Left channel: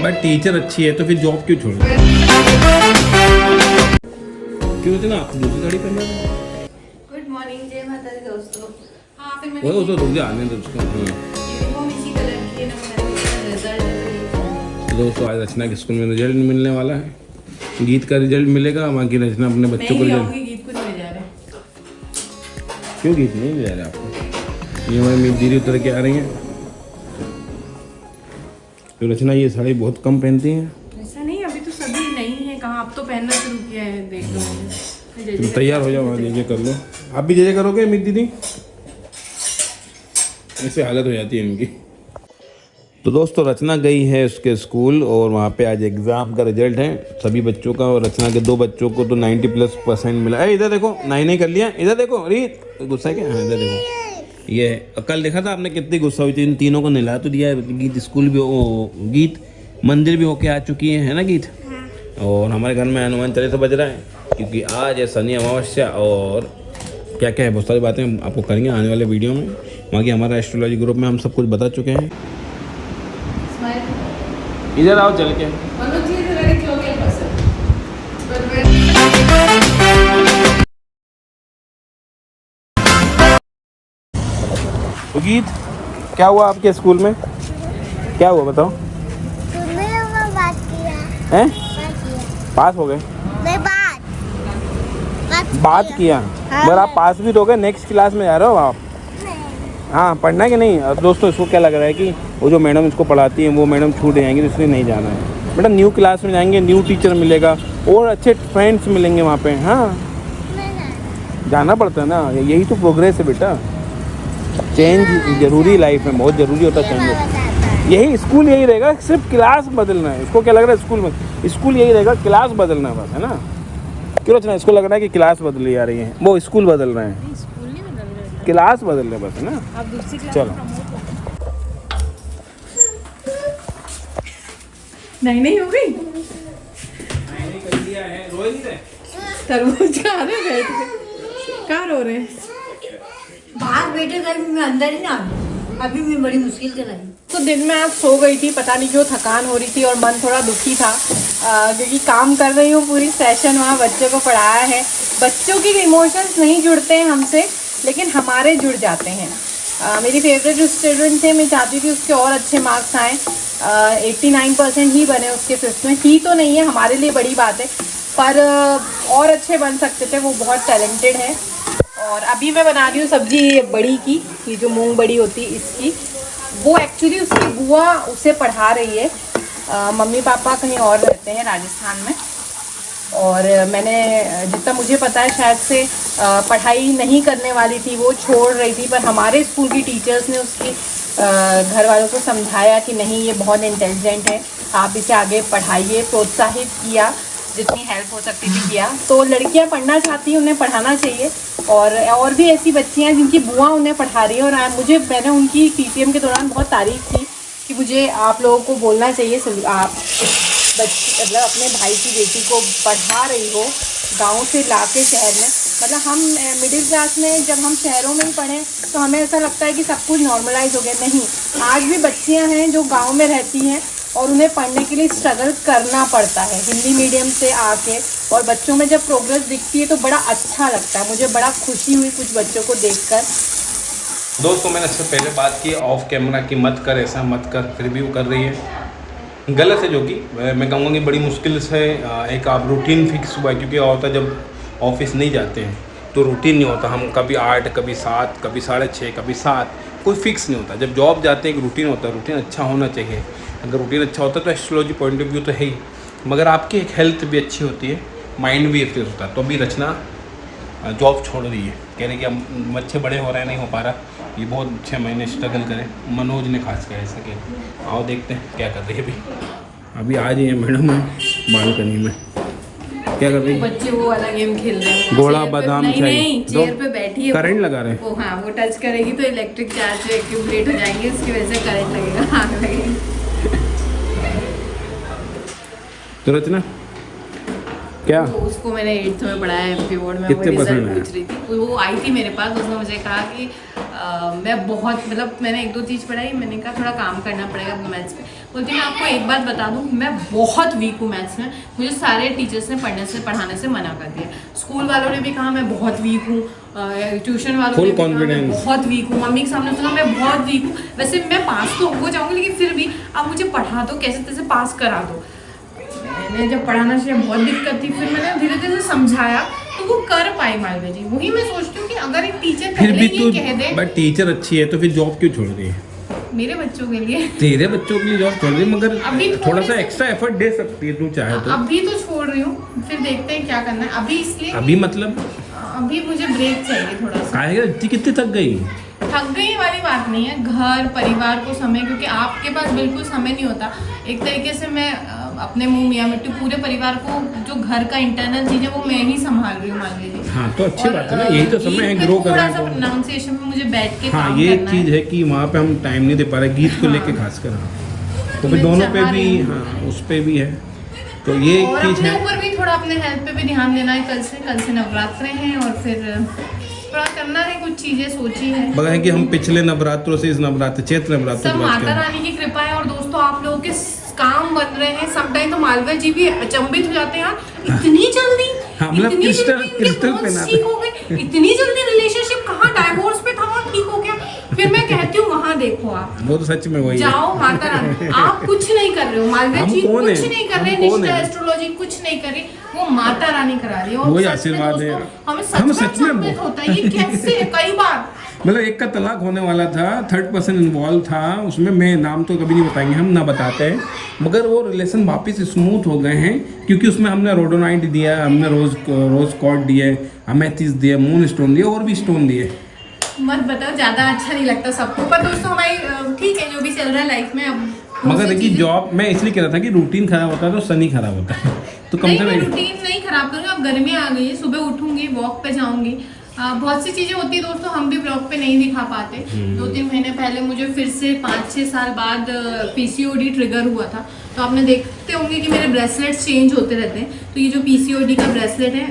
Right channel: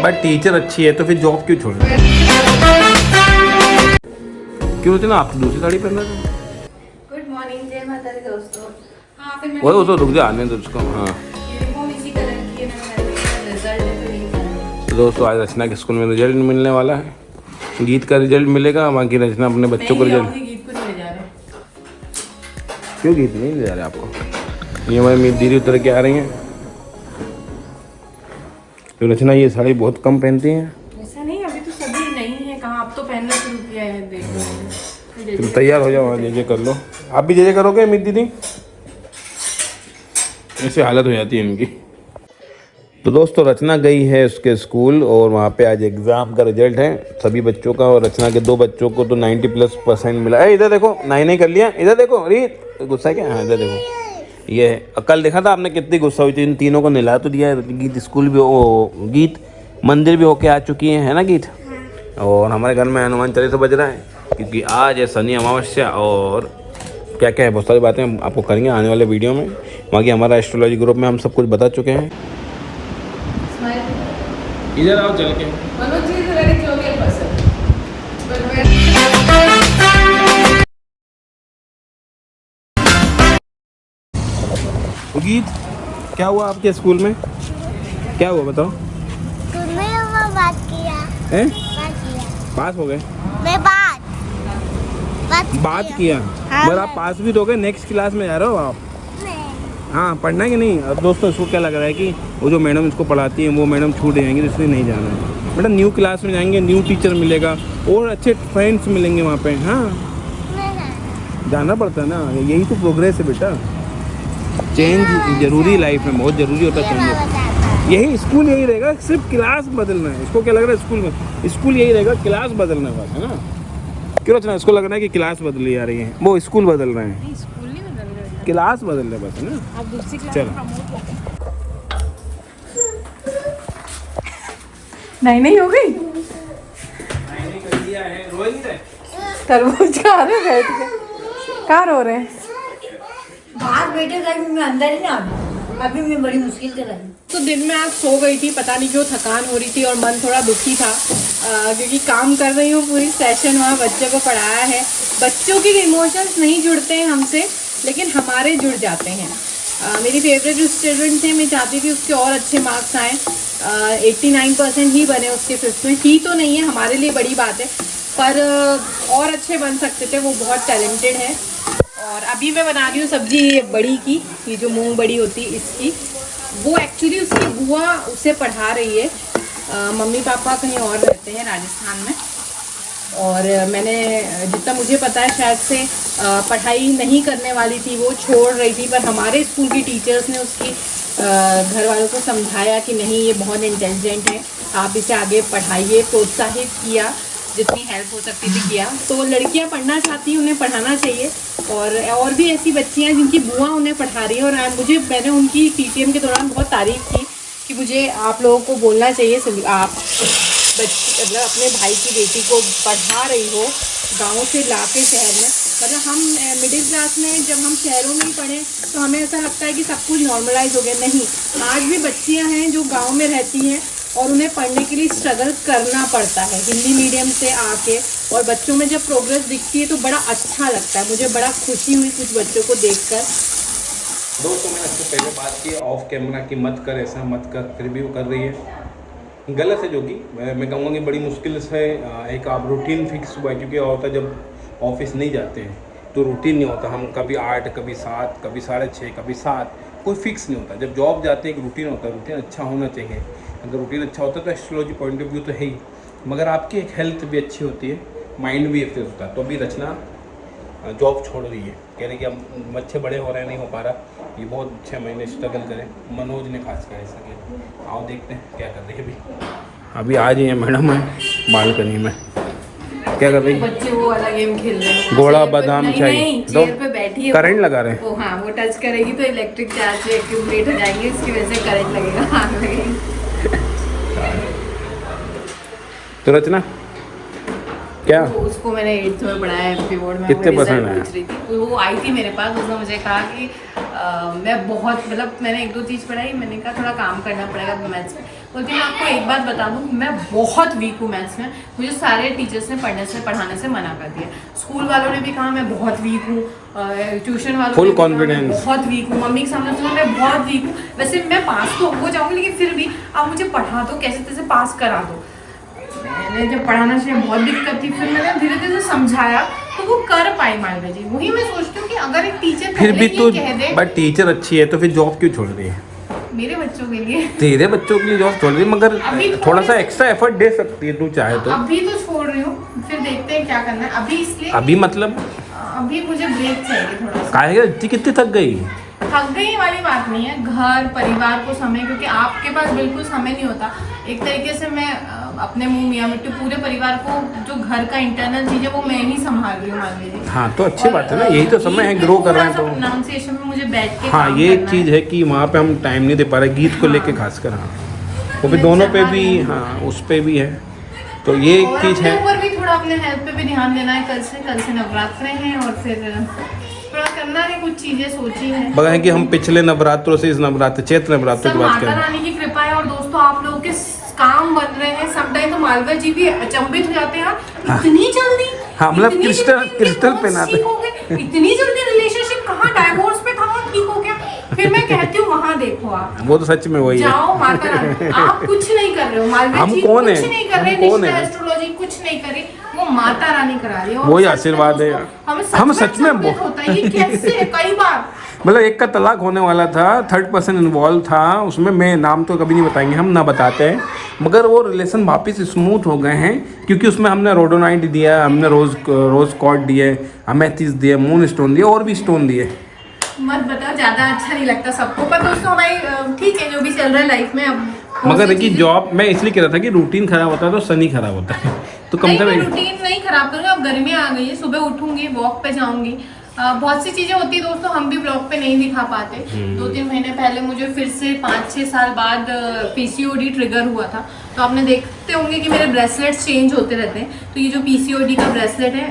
But teacher अच्छी है तो फिर जॉब क्यों छोड़ क्यों होती ना आप दूसरी साड़ी पहन रहे थे। गुड मॉर्निंग, जय माता दी दोस्तों। हाँ फिर वो तो रुक जा आने दो उसको। हाँ यूनिफॉर्म इसी कलर की है ना, मैंने रिजल्ट है तो दोस्तों आज रचना के स्कूल में रिजल्ट मिलने वाला है। गीत का रिजल्ट मिलेगा, बाकी रचना अपने बच्चों को रिजल्ट। गीत को नहीं ले जा रहे। क्यों गीत नहीं ले जा रहे आपको? ये हमारी दीदी उतर के आ रही हैं। तो रचना ये साड़ी बहुत कम पहनती हैं। ऐसा नहीं, अभी तो सभी नहीं है, कहाँ अब तो पहनना शुरू किया है, देख लो। तुम तैयार हो जाओ, जे कर लो। आप भी जे करोगे मेरी दीदी? ऐसे हालत हो जाती है इनकी। तो दोस्तों रचना गई है उसके स्कूल और वहाँ पे आज एग्ज़ाम का रिजल्ट है सभी बच्चों का, और रचना के 2 बच्चों को तो 90+% मिला। इधर देखो, 9 कर लिया। इधर देखो रीत, गुस्सा क्या? हाँ इधर देखो, ये कल देखा था आपने कितनी गुस्सा हुई थी। इन तीनों को निला तो दिया है। गीत स्कूल भी गीत मंदिर भी होके आ चुकी है ना गीत। और हमारे घर में हनुमान चालीसा बज रहा है क्योंकि आज है शनि अमावस्या, और क्या क्या है बहुत सारी बातें हम आपको करेंगे आने वाले वीडियो में। बाकी हमारा एस्ट्रोलॉजी ग्रुप में हम सब कुछ बता चुके हैं। इधर आओ चल के। गीत क्या हुआ आपके स्कूल में? क्या हुआ बताओ? तुम्हें वो बात किया हैं? किया। पास हो गए? मैं बात किया हाँ, मगर आप पास भी तो हो गए। नेक्स्ट क्लास में जा रहे हो आप? नहीं। हाँ पढ़ना है कि नहीं? और दोस्तों इसको क्या लग रहा है कि वो जो मैडम इसको पढ़ाती है वो मैडम छूट जाएंगी, तो इसलिए नहीं जाना है। बेटा न्यू क्लास में जाएंगे, न्यू टीचर मिलेगा और अच्छे फ्रेंड्स मिलेंगे वहाँ पे। हाँ जाना पड़ता है ना, यही तो प्रोग्रेस है बेटा। चेंज जरूरी लाइफ में, बहुत ज़रूरी होता है चेंज। यही स्कूल यही रहेगा, सिर्फ क्लास बदलना है। इसको क्या लग रहा है स्कूल में? स्कूल यही रहेगा, क्लास बदलना बस, है ना? क्यों रचना इसको लग रहा है कि क्लास बदली जा रही है? वो स्कूल बदल रहे हैं, स्कूल नहीं बदल रहे, क्लास बदल रहे बस, है ना? अब दूसरी क्लास। चलो नहीं हो गई। तरबूज खा रहे बैठ के, कहाँ रो रहे हैं? बाहर बैठे थे, मैं अंदर ही ना अभी मैं बड़ी मुश्किल से रही। तो दिन में आज सो गई थी, पता नहीं क्यों थकान हो रही थी और मन थोड़ा दुखी था, क्योंकि काम कर रही हूँ पूरी सेशन, वहाँ बच्चों को पढ़ाया है। बच्चों की इमोशंस नहीं जुड़ते हैं हमसे, लेकिन हमारे जुड़ जाते हैं। मेरी फेवरेट जो स्टूडेंट थे, मैं चाहती थी उसके और अच्छे मार्क्स आएँ। 89% ही बने उसके 5th में, ही तो नहीं है, हमारे लिए बड़ी बात है, पर और अच्छे बन सकते थे। वो बहुत टैलेंटेड है। और अभी मैं बना रही हूँ सब्जी बड़ी की, ये जो मूंग बड़ी होती है इसकी। वो एक्चुअली उसकी बुआ उसे पढ़ा रही है। मम्मी पापा कहीं और रहते हैं राजस्थान में, और मैंने जितना मुझे पता है शायद से पढ़ाई नहीं करने वाली थी, वो छोड़ रही थी। पर हमारे स्कूल की टीचर्स ने उसकी घर वालों को समझाया कि नहीं ये बहुत इंटेलिजेंट है, आप इसे आगे पढ़ाइए, प्रोत्साहित किया, जितनी हेल्प हो सकती थी किया। तो लड़कियां पढ़ना चाहती हैं, उन्हें पढ़ाना चाहिए। और भी ऐसी बच्चियां जिनकी बुआ उन्हें पढ़ा रही है। और मैंने उनकी टीटीएम के दौरान बहुत तारीफ़ की कि मुझे आप लोगों को बोलना चाहिए, आप मतलब अपने भाई की बेटी को पढ़ा रही हो गांव से लाके शहर में। मतलब हम मिडिल क्लास में जब हम शहरों में ही पढ़ें तो हमें ऐसा लगता है कि सब कुछ नॉर्मलाइज हो गया। नहीं, आज भी बच्चियां हैं जो गांव में रहती हैं और उन्हें पढ़ने के लिए स्ट्रगल करना पड़ता है हिंदी मीडियम से आके। और बच्चों में जब प्रोग्रेस दिखती है तो बड़ा अच्छा लगता है। मुझे बड़ा खुशी हुई कुछ बच्चों को देखकर। दोस्तों मैंने इससे पहले बात की ऑफ कैमरा की, मत कर ऐसा मत कर, फिर भी वो कर रही है, गलत है। जो कि मैं कहूँगा कि बड़ी मुश्किल से एक आप रूटीन फिक्स हुआ है, क्योंकि होता जब ऑफिस नहीं जाते हैं तो रूटीन नहीं होता। हम कभी 8, कभी 7, कभी 6:30, कभी 7, कोई फिक्स नहीं होता। जब जॉब जाते हैं एक रूटीन होता है, रूटीन अच्छा होना चाहिए। अगर रूटीन अच्छा होता है तो एस्ट्रोलॉजी पॉइंट ऑफ व्यू तो है ही, मगर आपकी एक हेल्थ भी अच्छी होती है, माइंड भी एक्टिव होता है। तो अभी रचना जॉब छोड़ रही है, कह रहे कि हम बच्चे बड़े हो रहे हैं, नहीं हो पा रहा, ये बहुत 6 महीने स्ट्रगल करें। मनोज ने खास कह सके, आओ देखते हैं क्या कर रही है। अभी आज ये मैडम है बालकनी में, क्या कर रही है? बच्चे वो वाला गेम खेल रहे हैं, घोड़ा बादाम चाहिए। चेयर पे बैठी है, करंट लगा रहे हैं वो। हाँ, वो टच करेगी तो इलेक्ट्रिक चार्ज से एक्यूमुलेट हो जाएंगे, इसकी वजह से करंट लगेगा, आग लगेगी। तो रचना क्या तो उसको मैंने 8th में पढ़ाया एमपी बोर्ड में। कितने वो रिजल्ट % आया? पूछ रही थी, वो आई थी मेरे पास, उसने मुझे कहा कि मैं बहुत मतलब मैंने 1-2 चीज़ पढ़ाई, मैंने कहा थोड़ा काम करना पड़ेगा मैथ्स में। बोलती मैं आपको एक बात बता दूं, मैं बहुत वीक हूँ मैथ्स में। मुझे सारे टीचर्स ने पढ़ाने से मना कर दिया। स्कूल वालों ने भी कहा मैं बहुत वीक हूँ, ट्यूशन वालों ने भी कहा मैं बहुत वीक हूँ, मम्मी के सामने सुना मैं बहुत वीक हूँ। वैसे मैं पास तो हो जाऊँगी, लेकिन फिर भी आप मुझे पढ़ा दो, कैसे तैसे पास करा दो। मैंने जब पढ़ाना चाहिए बहुत दिक्कत थी, फिर मैंने धीरे धीरे समझाया तो वो कर पाई मालवा जी। वही मैं सोचती हूँ कि अगर एक टीचर फिर भी तो कह दे बट टीचर अच्छी है तो फिर जॉब क्यों छोड़ रही है? मेरे बच्चों के लिए, तेरे बच्चों के लिए जॉब छोड़ रही है, मगर अभी थोड़ा सा एक्स्ट्रा एफर्ट दे सकती है तू चाहे तो। अभी तो छोड़ रही हूँ, फिर देखते हैं क्या करना है। अभी इसलिए अभी मतलब अभी मुझे ब्रेक चाहिए थोड़ा सा। काहे इतनी कितनी थक गई? थक गई वाली बात नहीं है, घर परिवार को समय, क्योंकि आपके पास बिल्कुल समय नहीं होता। एक तरीके से मैं अपने मुंह मियाँ मिट्टू पूरे परिवार को, जो घर का इंटरनल चीज़ है वो मैं ही संभाल रही हूँ मान लीजिए। हाँ तो अच्छी बात है ना, यही तो समय है ग्रो कर रहे हैं तो। प्रोनाउंसिएशन में मुझे बैठ के हाँ काम ये एक करना चीज़ है कि वहाँ पे हम टाइम नहीं दे पा रहे गीत को लेके खासकर। हाँ वो भी दोनों पे भी, हाँ उस पे भी है, तो ये एक और चीज़ अपने है। ऊपर भी थोड़ा अपने हेल्थ पे भी ध्यान देना है। कल से नवरात्र हैं और फिर थोड़ा करना है, कुछ चीजें सोची है। बगा है कि हम पिछले नवरात्रों से इस नवरात्र चैत्र नवरात्र सब की बात माता करें। रानी की कृपा है। और दोस्तों आप लोगों के काम बन रहे हैं, समटाइम तो मालवा जी भी अचंभित हो जाते हैं, इतनी जल्दी। हाँ मतलब क्रिस्टल पहनाते, इतनी जल्दी रिलेशनशिप कहाँ डाइवोर्स पे था और ठीक हो गया। फिर मैं कहती हूँ वहाँ देखो आप, वो तो सच में वही है। जाओ माता रानी, आप कुछ नहीं कर रहे हो, मालवा हम जी कौन कुछ है? नहीं कर रहे, हम कौन निष्ठा है? एस्ट्रोलॉजी कुछ नहीं करे, वो माता रानी करा रही है। और वही सच में आशीर्वाद है। दोस्तों, हम हमें सच में अचंभित होता है ये कैसे है। कई बार मतलब एक का तलाक होने वाला था, 3rd पर्सन इन्वॉल्व था उसमें, मैं नाम तो कभी नहीं बताएंगे, हम ना बताते हैं, मगर वो रिलेशन वापस स्मूथ हो गए हैं क्योंकि उसमें हमने रोडोनाइट दिया, हमने रोज कॉर्ड दिए, अमेथिस्ट दिए, मून स्टोन दिए और भी स्टोन दिए। मत बताओ, ज्यादा अच्छा नहीं लगता सबको, पर दोस्तों हमारी ठीक है जो भी चल रहा है लाइफ में। अब मगर देखिए जॉब, मैं इसलिए कह रहा था कि रूटीन खराब होता है तो शनि खराब होता है, तो कम से कम रूटीन नहीं खराब करूँगी। अब गर्मी आ गई है, सुबह उठूंगी, वॉक पे जाऊंगी, बहुत सी चीजें होती है दोस्तों, हम भी ब्लॉग पे नहीं दिखा पाते। 2-3 महीने पहले मुझे फिर से 5-6 साल बाद पीसीओडी ट्रिगर हुआ था। तो आपने देखते होंगे कि मेरे ब्रेसलेट्स चेंज होते रहते हैं। तो ये जो पीसीओडी का ब्रेसलेट है,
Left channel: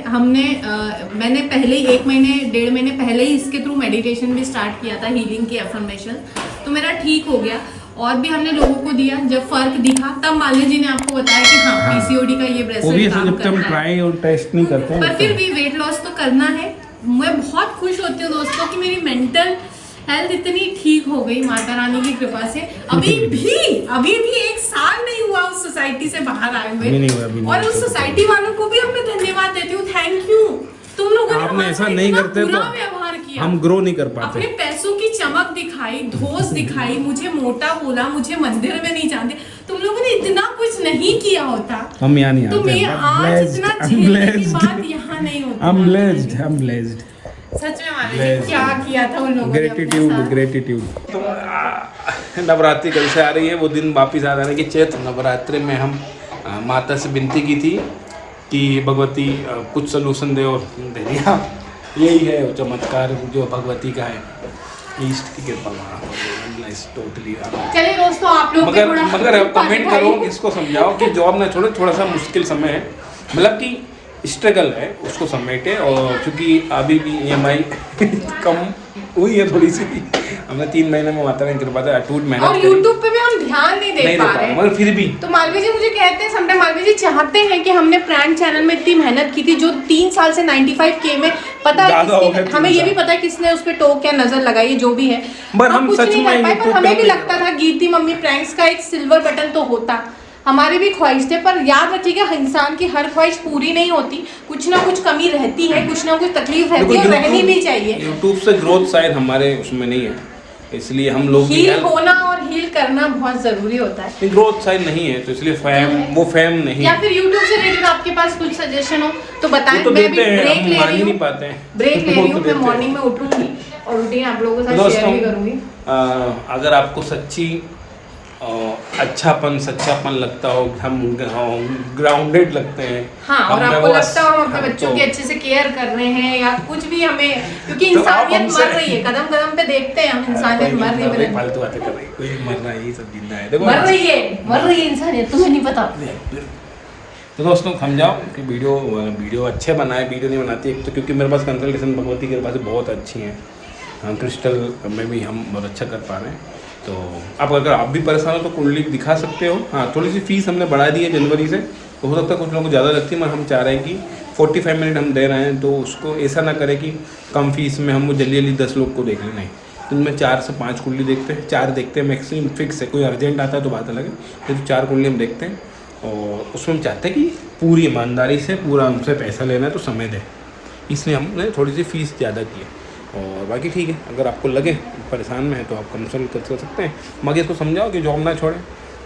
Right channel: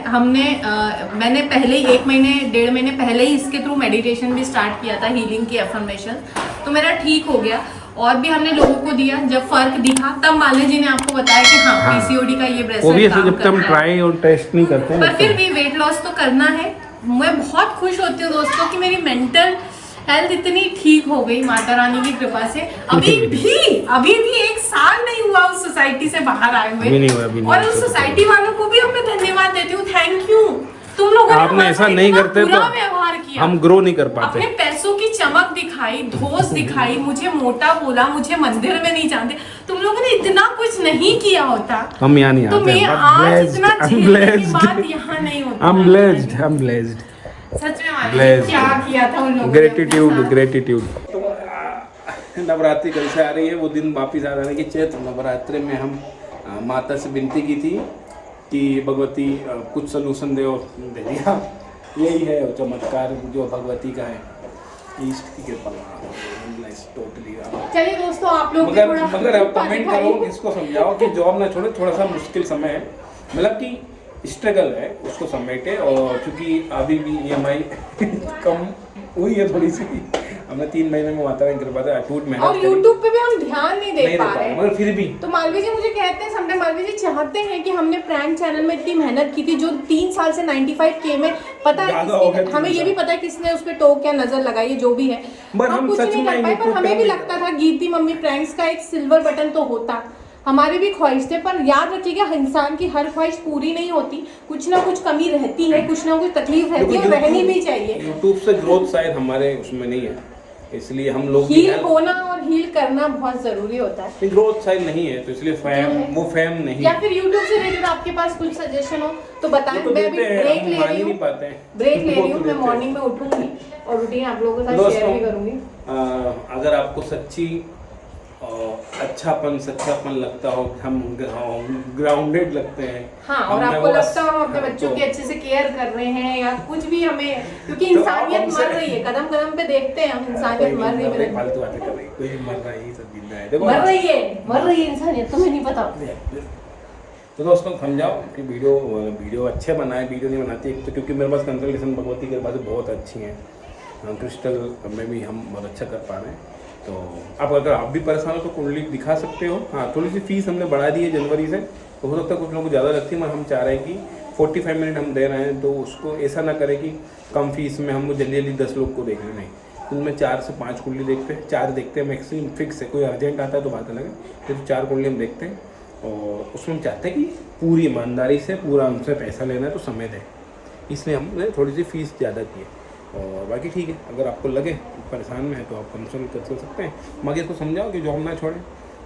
मैंने पहले ही 1-1.5 महीने पहले ही इसके थ्रू मेडिटेशन भी स्टार्ट किया था, हीलिंग की एफर्मेशन, तो मेरा ठीक हो गया। और भी हमने लोगों को दिया, जब फर्क दिखा तब मालिनी जी ने आपको बताया कि हाँ पीसीओडी का ये ब्रेसलेट काम जब तक हम ट्राई और टेस्ट नहीं करते हैं, पर फिर भी वेट लॉस तो करना है। मैं बहुत खुश होती हूँ दोस्तों कि मेरी मेंटल हेल्थ इतनी ठीक हो गई माता रानी की कृपा से। अभी भी 1 साल नहीं हुआ उस सोसाइटी से बाहर आए हुए, और उस सोसाइटी वालों को भी मैं धन्यवाद देती हूँ। थैंक यू, तुम लोगों ने आपने ऐसा नहीं करते तो व्यवहार किया, हम ग्रो नहीं कर पाते। अपने पैसों की चमक दिखाई, धोस दिखाई, मुझे मोटा बोला, मुझे मंदिर में नहीं जानते। तुम लोगों ने इतना कुछ नहीं किया होता, हम यहाँ नहीं आते। तो मैं आज इतना झेलने की बात यहाँ नहीं होती। I'm blessed. सच में मालिक क्या किया था उन लोगों ने। ग्रेटिट्यूड। तो नवरात्रि कल से आ रही है, वो दिन वापिस आ जाने की। चैत्र नवरात्रि में हम माता से विनती की थी कि भगवती कुछ सोल्यूशन दे, और दे दिया। यही है चमत्कार जो भगवती का है, ईस्ट की कृपा। टोटली। चलिए दोस्तों, आप लोग मगर कमेंट करो, इसको समझाओ कि जॉब ना छोड़ो, थोड़ा सा मुश्किल समय है, मतलब कि स्ट्रगल है, उसको समेटे। और क्योंकि अभी भी EMI कम हुई है थोड़ी सी, हमने 3 महीने में माता रानी कृपा से अटूट मेहनत और YouTube पे भी हम ध्यान नहीं दे पा रहे, मगर फिर भी तो मालवी जी मुझे कहते हैं समटाइम, मालवी जी चाहते हैं कि हमने प्रैंक चैनल में इतनी मेहनत की थी, जो 3 साल से 95K में, पता है किसने, हमें ये भी पता है किसने उस पे टोक या नजर लगाई, जो भी है, हम कुछ नहीं कर पाए। पर हमें भी लगता था गीती मम्मी प्रैंक्स का एक सिल्वर बटन तो होता, हमारी भी ख्वाहिश थे। पर याद रखिएगा, इंसान की हर ख्वाहिश पूरी नहीं होती, कुछ ना कुछ कमी रहती है, कुछ ना कुछ तकलीफ रहती है, और रहनी भी चाहिए। यूट्यूब से ग्रोथ शायद हमारे उसमें नहीं है, इसलिए हम लोग हील होना और हील करना बहुत जरूरी होता है। ग्रोथ शायद नहीं है, तो इसलिए फेम नहीं। या फिर YouTube से रिलेटेड आपके पास कुछ सजेशन हो तो बताएं। तो मैं भी ब्रेक ले रही हूँ, मैं मॉर्निंग में उठूंगी और रूटीन आप लोगों के साथ शेयर भी करूंगी। अगर आपको सच्ची सच्चापन लगता हो, हम ग्राउंडेड लगते हैं, हाँ, और आपको लगता हो हम अपने बच्चों की अच्छे से केयर कर रहे हैं, या कुछ भी हमें, क्योंकि इंसानियत मर रही है, कदम कदम पे देखते हैं हम इंसानियत मर रही है। फालतू बातें कर रही है, कोई मर रहा है, ये सब जिंदा है, देखो मर रही है इंसानियत, तुम्हें नहीं पता। तो दोस्तों समझाओ कि वीडियो अच्छे बनाए, वीडियो नहीं बनाती एक तो क्योंकि मेरे पास कंसल्टेशन भगवती के पास बहुत अच्छी हैं, क्रिस्टल में भी हम बहुत अच्छा कर पा रहे हैं। तो आप अगर आप भी परेशान हो तो कुंडली दिखा सकते हो। हाँ, थोड़ी सी फीस हमने बढ़ा दी है जनवरी से, तो हो सकता है कुछ लोगों को ज़्यादा लगती है, मगर हम चाह रहे हैं कि 45 मिनट हम दे रहे हैं, तो उसको ऐसा ना करें कि कम फीस में हम जल्दी जल्दी 10 लोग को देख लें। नहीं, तो उनमें 4 से 5 कुंडली देखते हैं, 4 देखते हैं मैक्सिमम, फिक्स है। कोई अर्जेंट आता है तो बात अलग है, तो 4 कुंडली हम देखते हैं। और उसमें हम चाहते हैं कि पूरी ईमानदारी से पूरा हमसे पैसा लेना है तो समय दें, इसलिए हमने थोड़ी सी फीस ज़्यादा की है। और बाकी ठीक है, अगर आपको लगे परेशान में है तो आप कंसल्ट कर सकते हैं, मगर इसको समझाओ कि जॉब ना छोड़े,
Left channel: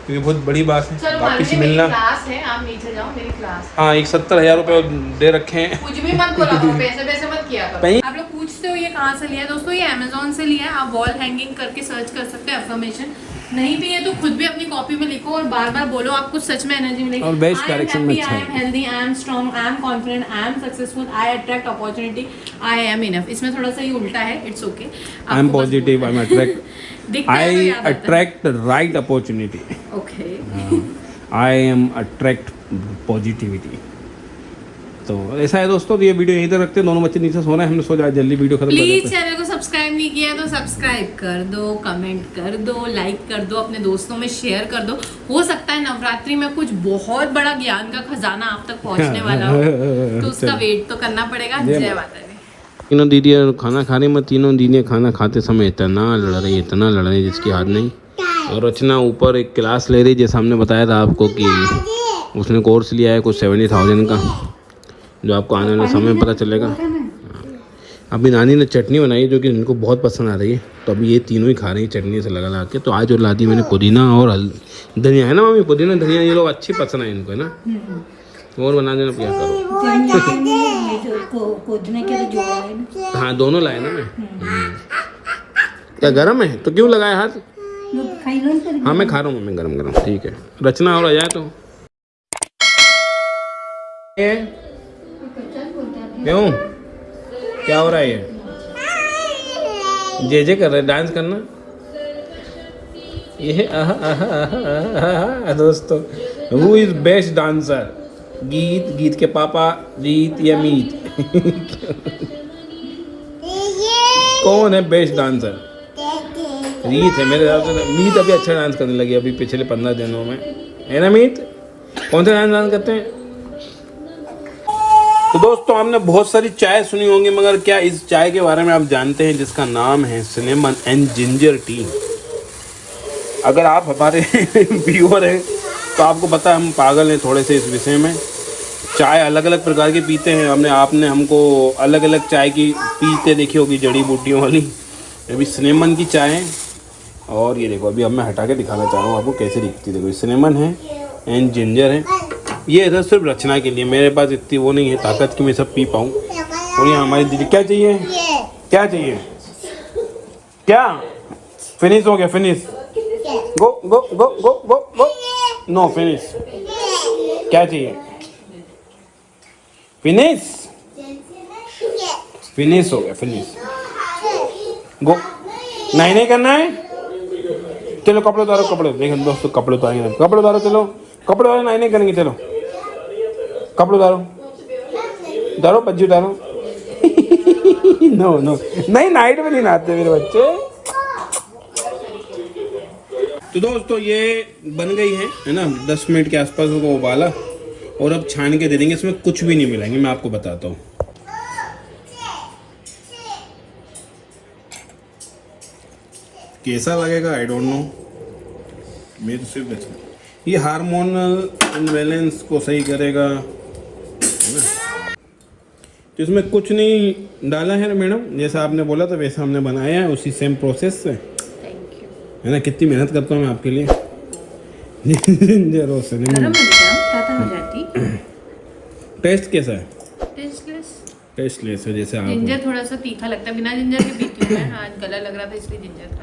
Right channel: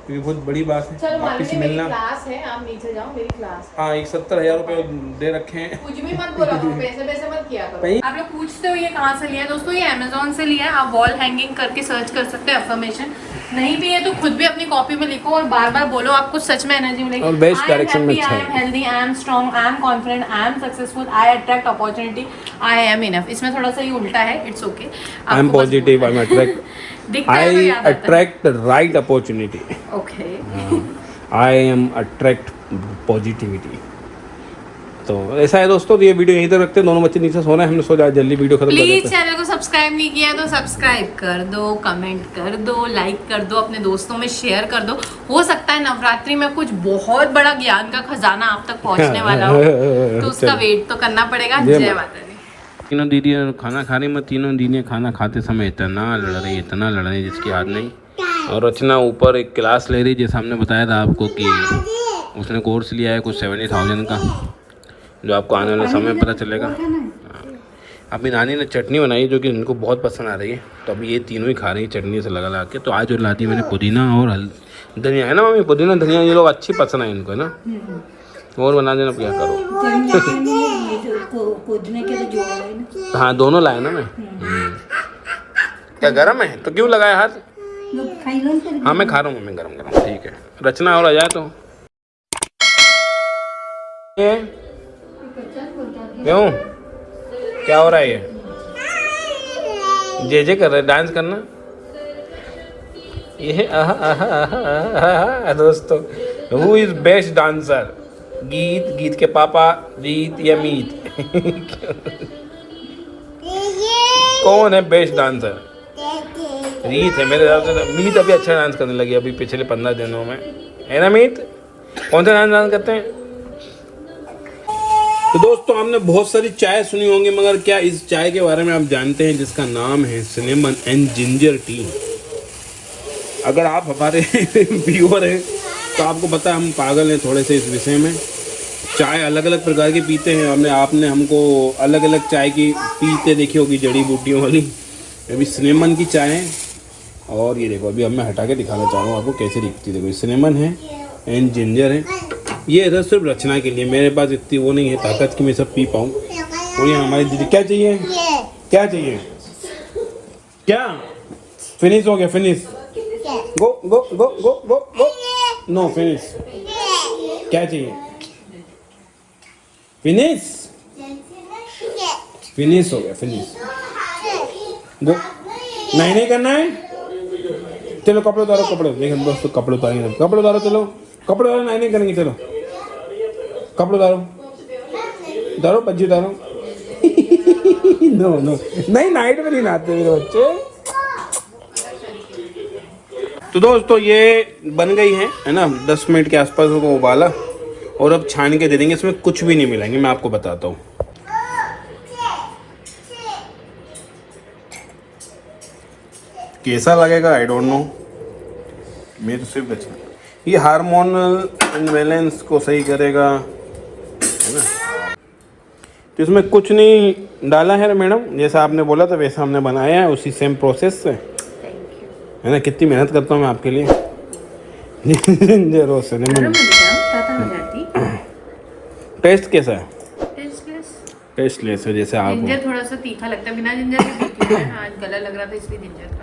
क्योंकि बहुत बड़ी बात है वापिस मिलना। क्लास है, आप नीचे जाओ, मेरी क्लास। हाँ, एक 70,000 रुपये दे रखे हैं। कुछ भी मत बोलो, पैसे मत किया करो। आप लोग पूछते हो ये कहाँ से लिया है, दोस्तों ये अमेजोन से लिया है। आप वॉल हैंगिंग करके सर्च कर सकते हैं अफर्मेशन। नहीं भी है तो खुद भी अपनी कॉपी में लिखो और बार बार बोलो, आपको सच में एनर्जी मिलेगी। और बेस्ट डायरेक्शन में अच्छा I am healthy, I am strong, I am confident, I am successful, I attract opportunity, I am enough. इसमें थोड़ा सा ये उल्टा है, it's okay. I am positive, I am attract, I attract right opportunity. Okay, I am attract positivity. तो ऐसा है दोस्तों, तो ये वीडियो यहीं तक रखते हैं। दोनों बच्चे नीचे सो रहे हैं, हमने सोचा जल्दी वीडियो खत्म कर देते प्लीज हैं। चैनल को सब्सक्राइब नहीं किया तो सब्सक्राइब कर दो, कमेंट कर दो, लाइक कर दो, अपने दोस्तों में शेयर कर दो। हो सकता है नवरात्रि में कुछ बहुत बड़ा ज्ञान का खजाना आप तक पहुंचने वाला हो, तो उसका वेट तो करना पड़ेगा। जय माता दी। तीनों दीदी खाना खा रही, मैं तीनों दीदी खाना खाते समय इतना लड़ रही जिसकी याद नहीं। और रचना ऊपर एक क्लास ले रही, जैसे हमने बताया था आपको कि उसने कोर्स लिया है कुछ 70,000 का, जो आपको आने वाले समय में पता चलेगा। अभी नानी ने चटनी बनाई जो कि इनको बहुत पसंद आ रही है, तो अभी ये तीनों ही खा रही है चटनी से लगा के। तो आज जो ला दी मैंने पुदीना और धनिया, है ना मम्मी, पुदीना धनिया ये लोग अच्छी पसंद है इनको, है ना। और बना देना, क्या करो। हाँ, दोनों लाए ना मैं। क्या गरम है तो क्यों लगाया हाथ? हाँ मैं खा रहा हूँ, मैं गरम। ठीक है, रचना और आ जाए तो क्यों, क्या हो रहा है? ये जे कर रहे, डांस करना ये। दोस्तों, हु इज बेस्ट डांसर? गीत के पापा, रीत या मीत? कौन है बेस्ट डांसर? रीत है मेरे हिसाब से। मीत अभी अच्छा डांस करने लगी अभी पिछले 15 दिनों में, है ना मीत? कौन सा डांस करते हैं? तो दोस्तों, हमने बहुत सारी चाय सुनी होंगी, मगर क्या इस चाय के बारे में आप जानते हैं जिसका नाम है सिनेमन एंड जिंजर टी? अगर आप हमारे व्यूअर हैं तो आपको पता है हम पागल हैं थोड़े से इस विषय में। चाय अलग अलग प्रकार की पीते हैं, आपने हमको अलग अलग चाय की पीते देखी होगी, जड़ी बूटियों वाली। अभी सिनेमन की चाय है, और ये देखो अभी अब मैं हटा के दिखाना चाह रहा हूँ आपको कैसे दिखती है। देखो सिनेमन है एंड जिंजर है। ये इधर सिर्फ रचना के लिए, मेरे पास इतनी वो नहीं है ताकत कि मैं सब पी पाऊँ। और ये हमारी दीदी क्या चाहिए? क्या चाहिए? क्या फिनिश हो गया? फिनिश, गो गो गो गो गो गो, नो फिनिश। क्या चाहिए? फिनिश, फिनिश हो गया, फिनिश, गो। नहीं करना है, चलो कपड़े उतारो, कपड़े देखो दोस्तों, कपड़े उतारो, कपड़े उतारो, चलो कपड़े उतारो, नहीं करेंगे, चलो कपड़े उतारो, उतारो पज्जी उतारो। नो नहीं, नाइट में नहीं नहाते मेरे बच्चे। तो दोस्तों ये बन गई है ना, 10 मिनट के आसपास को उबाला, और अब छान के दे देंगे। इसमें कुछ भी नहीं मिलाएंगे, मैं आपको बताता हूँ। कैसा लगेगा आई डोंट नो, मेरे तो सिर्फ अच्छा। ये हार्मोनल इम्बैलेंस को सही करेगा, है ना। तो इसमें कुछ नहीं डाला है मैडम, जैसा आपने बोला था वैसा हमने बनाया है, उसी सेम प्रोसेस से, है ना। कितनी मेहनत करता हूँ मैं आपके लिए। टेस्ट कैसा है? टेस्टलेस है, जैसे आप। जिंजर थोड़ा सा तीखा लगता है, बिना जिंजर के पीती हूं मैं। आज गला लग रहा था इसलिए जिंजर